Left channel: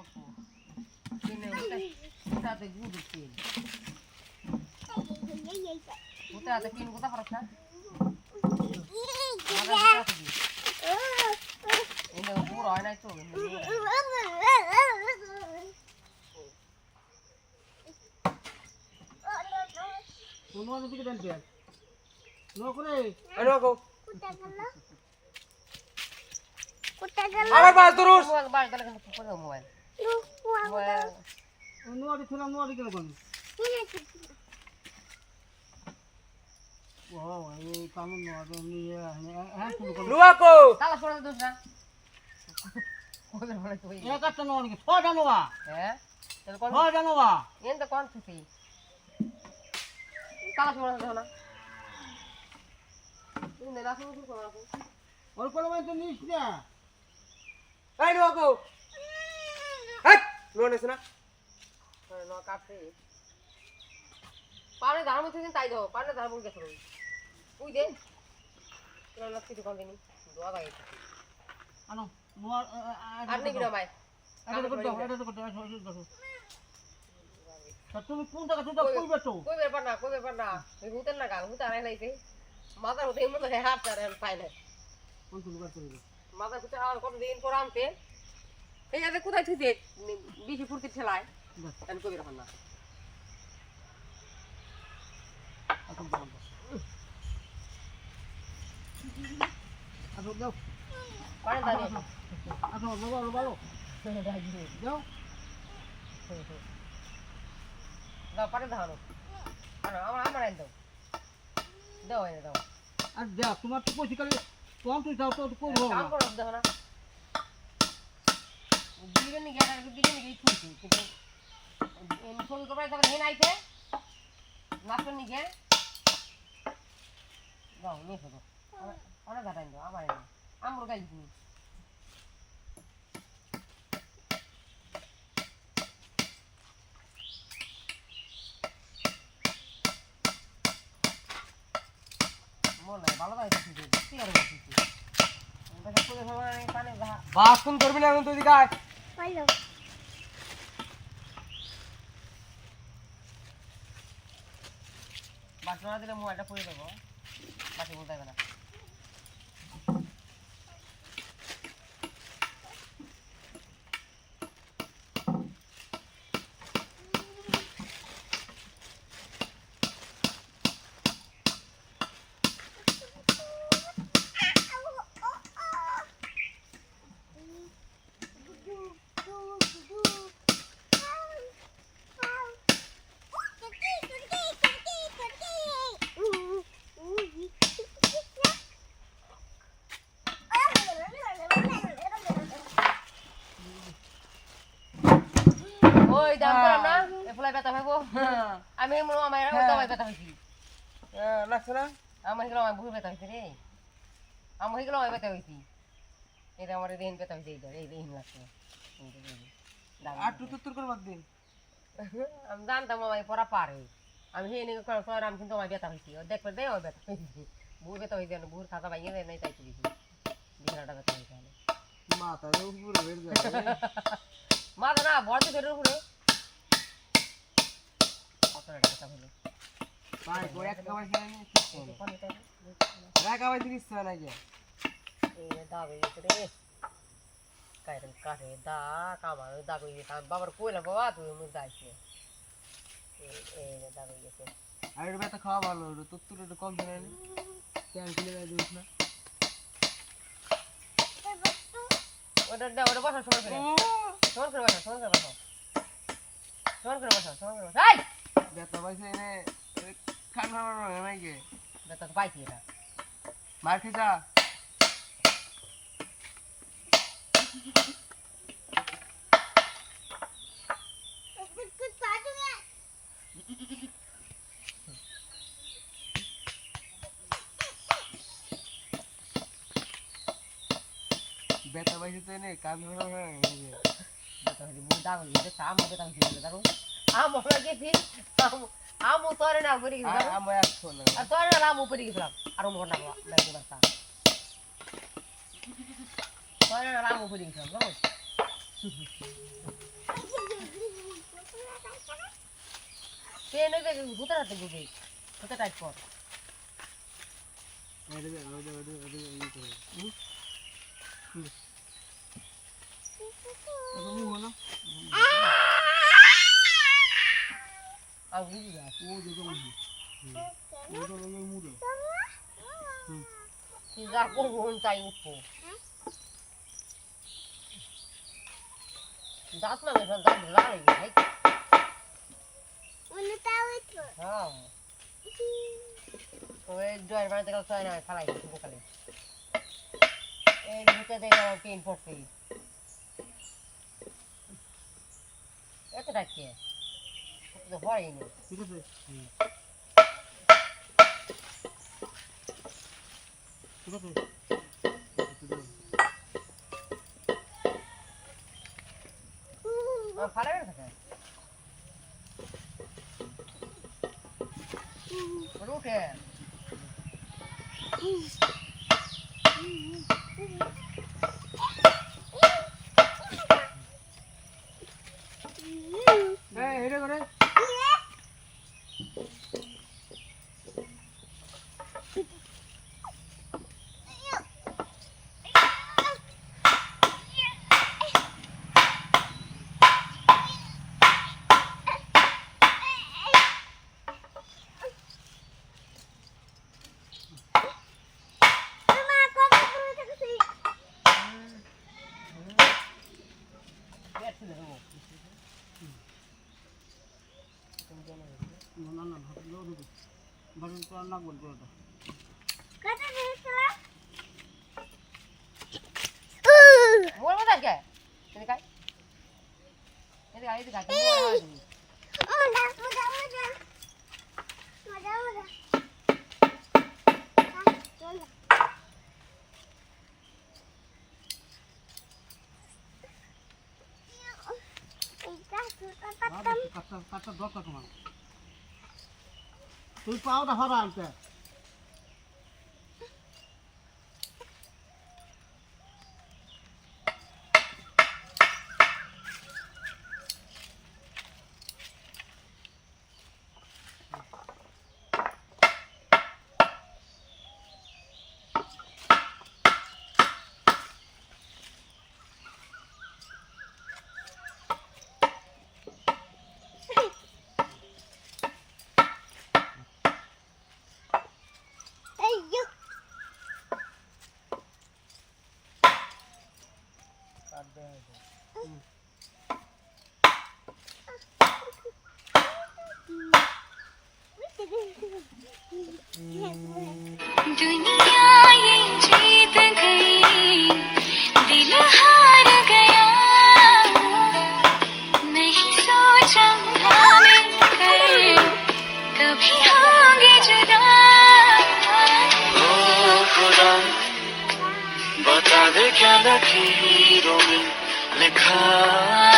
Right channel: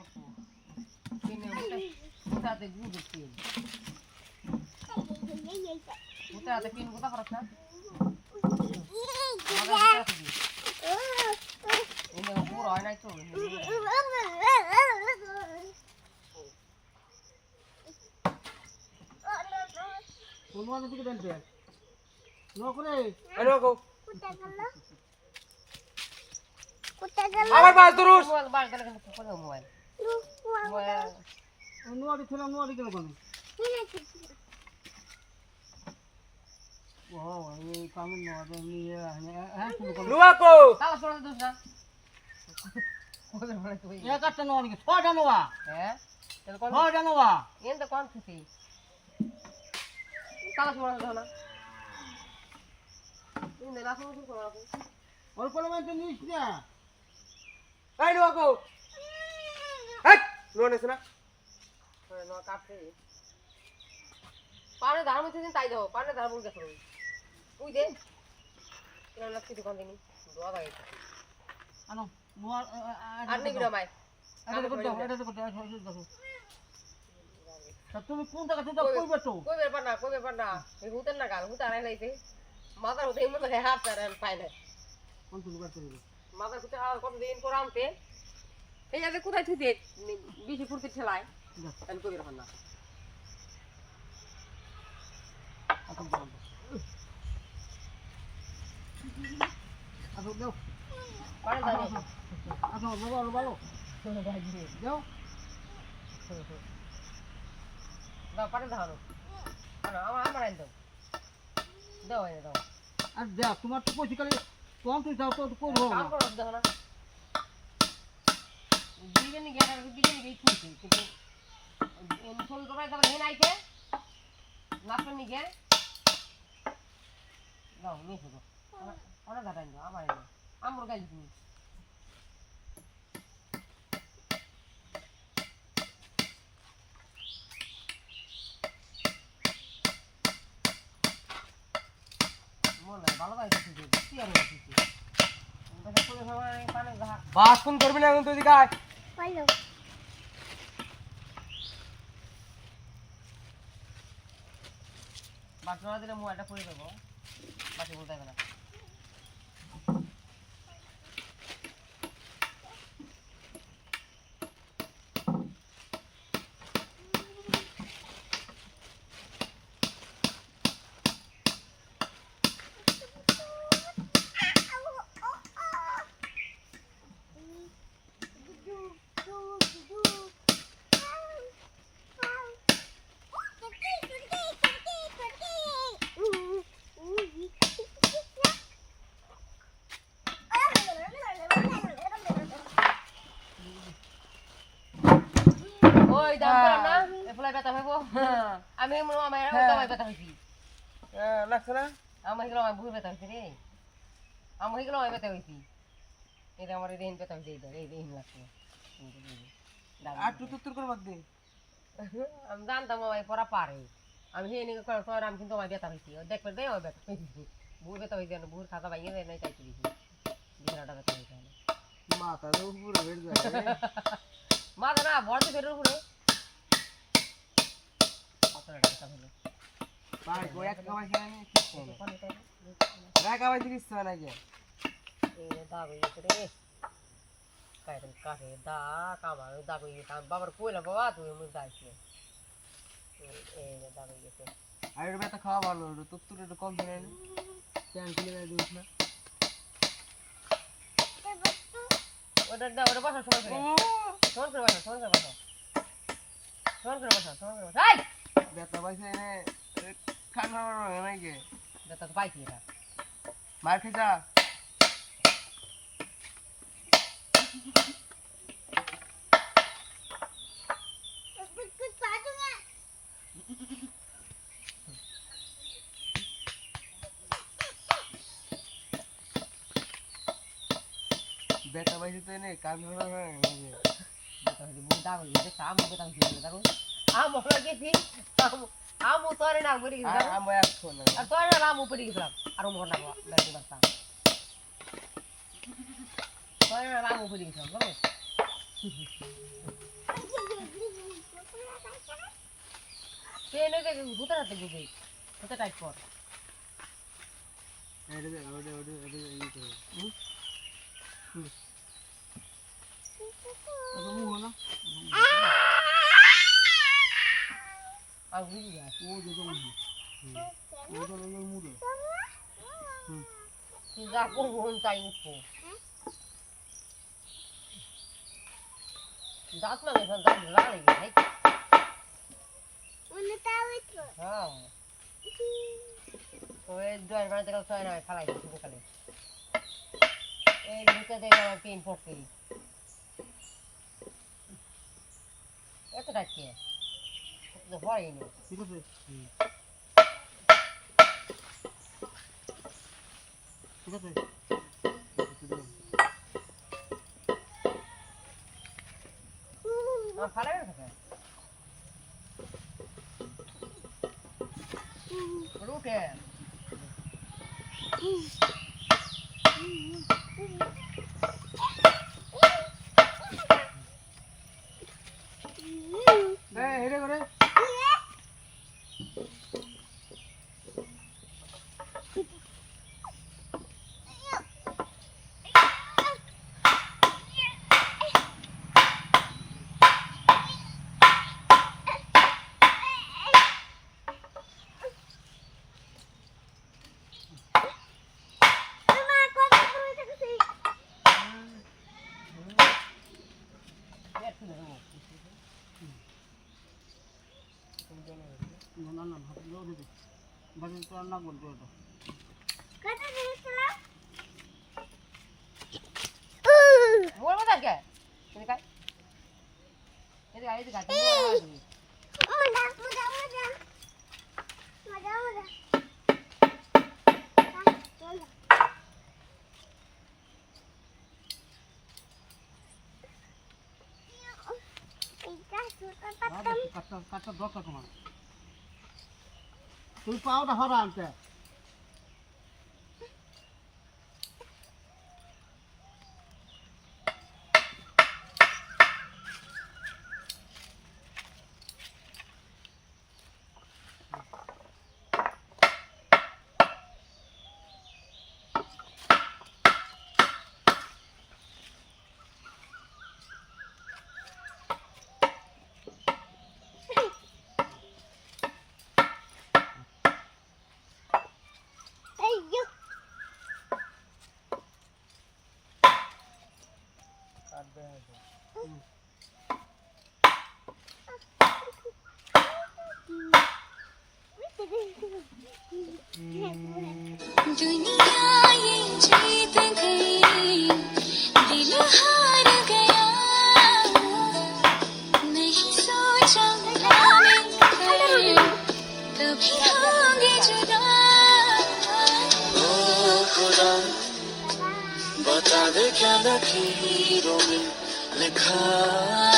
অল্প কিনে তাতে গুড় তেল কোথাতে তিন কোথা খরচ না এটা পুরো হয় না চলবে কোন মাঝে দিকে দেন তেল নকরে আরে গো কোথা গেল আবার বাস দরুস বাস গেল কিন্তু কোন মোবাইল নোয়া দিছিলাম নোয়া দিকে কোন ও এই কাম নোয়া নিয়ে হ্যাঁ নোয়া কো তাও সরে দোস না কোন বলে তুই একটা নোয়া নিকে ছটা নোয়া হ্যাঁ ছটা নোয়া এন তো কোন খুশি তাও সরে দোস না তুমি না শুরু করো রাখো অল্প সময় তো নিস না এই নোয়া কো হট নোয়া নিস না নোয়া কাটছে পারে ধার মধ্যে দিন তাই দাও পারে ধার বল গেছে তুই দে তোর লাগছে তো কোনদিন দোয়া গায় আনো নোয়া আর নেই গ্রামাই এটা তো দেখো তুমি কোন জায়গা থেকে কইবে তো কই ব্যাপার না এই হুতেন না গাল হুত আড়াই লাইতে মাথার হুতে মত হাত তার পাইলে কোন কোন বার করবে মাথার হুতে আর কত দিন পর আমতে এই যে কোথায় তুই দেখ বিশি ফুরকি ছেলাই এন কই ব্যাপার না এখন বন্ধ আচ্ছা দাও পারে দাও আচ্ছা ভালো দাও দাও পারে দাও আমার আইন দাও দাও আইন দাও আর দাও তোমার তো পয়সা কালে কম তুই দাও তো করবো না করো দেখো না দিবেন কি আর দিবেন কি খুশি কিন্তু এন ফোন করে তাহলে হেন আইতে নাচন নিকে দাও নিয়ে শুধু অনেক ঘাটাই দাও আমার আইন আমার গাইল তুমি বাসন করবি না এখন তুই দিকায় বাসন না দিলে মোবাইলটা করে দেবো বাকি বলতে গেলাম আমি আমার ব্যথা হয়েছি লাগছে না আমার এগুলো আমার বহু ব্যথা হয়েছে রে আমার এগুলো আমার ব্যথা হয়েছি এটা আমার দেহিন ব্যথা হয়েছে এই দেহিন লাগছে আর তুই করে বাদ দে আমি জানতাম আমার পড়া পারে আমি সেই নিয়ে কর আমি কিন্তু আমার ব্যথা হয়েছি দেখবে দে ওই ব্যথা হয়েছি বহু ব্যথা হয়েছে বহু খাতা ভাঙিয়ে দেয় নাই চাইতে দিছি বিছানাটা ব্যথা হয়েছে মাথা উপরে বেড়ে যায় মাথা না বড় দিকে উপরে ভাই কই এক খাওয়াই খাই রাখা ভাই দিস না যে এই দাবে রে কাইরেন কাটে দা কামার দাবে বাবার কইলা বাবা তুই মুই যাইছি এই দাবে গেছে আরে বেটা খাওয়া ভালো তো তোর একটু কম দিনে নি কেন কিলে দিস না ওটা বসা সময় করে এই বেটা পাইছে এনে খানা নাই গে বেটা তো পাইছি এটা মার খেতা বেটা পাইছে তো এনে কান ধরা হয় বেটা হইছে বুদা হইছে কাম বেটা হইছে দেখো আম লাগেছি আম তোরে না গরি গেছে আম এক ফোন আর তোরে না আম উপরে গেছিলাম আর মোর না বাইরে বাসা তোরে না আম উপরে গেছিলাম পেন হয়ে গেছে ভূতের হাতে গুবে ভূতে টাইট কর যা করবো তাই উঠবো দাঁত লাগে দাঁত লাল হয়ে গেছে হ্যাঁ ওই জয়ের বাড়িতে কাল ছয় না খালাই সকালে এই ভূতে দেখে আমার পেন পড়তে এত ডাকছে তো হয়নি ঠিক আছে ঠিক আছে ফাটা গেছে উঠে এটা করে কাটটা দরকার তোমার তুই পাওটা হরা আনতে दुनिया ये जीत गई दिल हार गया नहीं सोचा था मिलकर कभी होंगे जुदा ओ खुदा बता दे क्या लकीरों में लिखा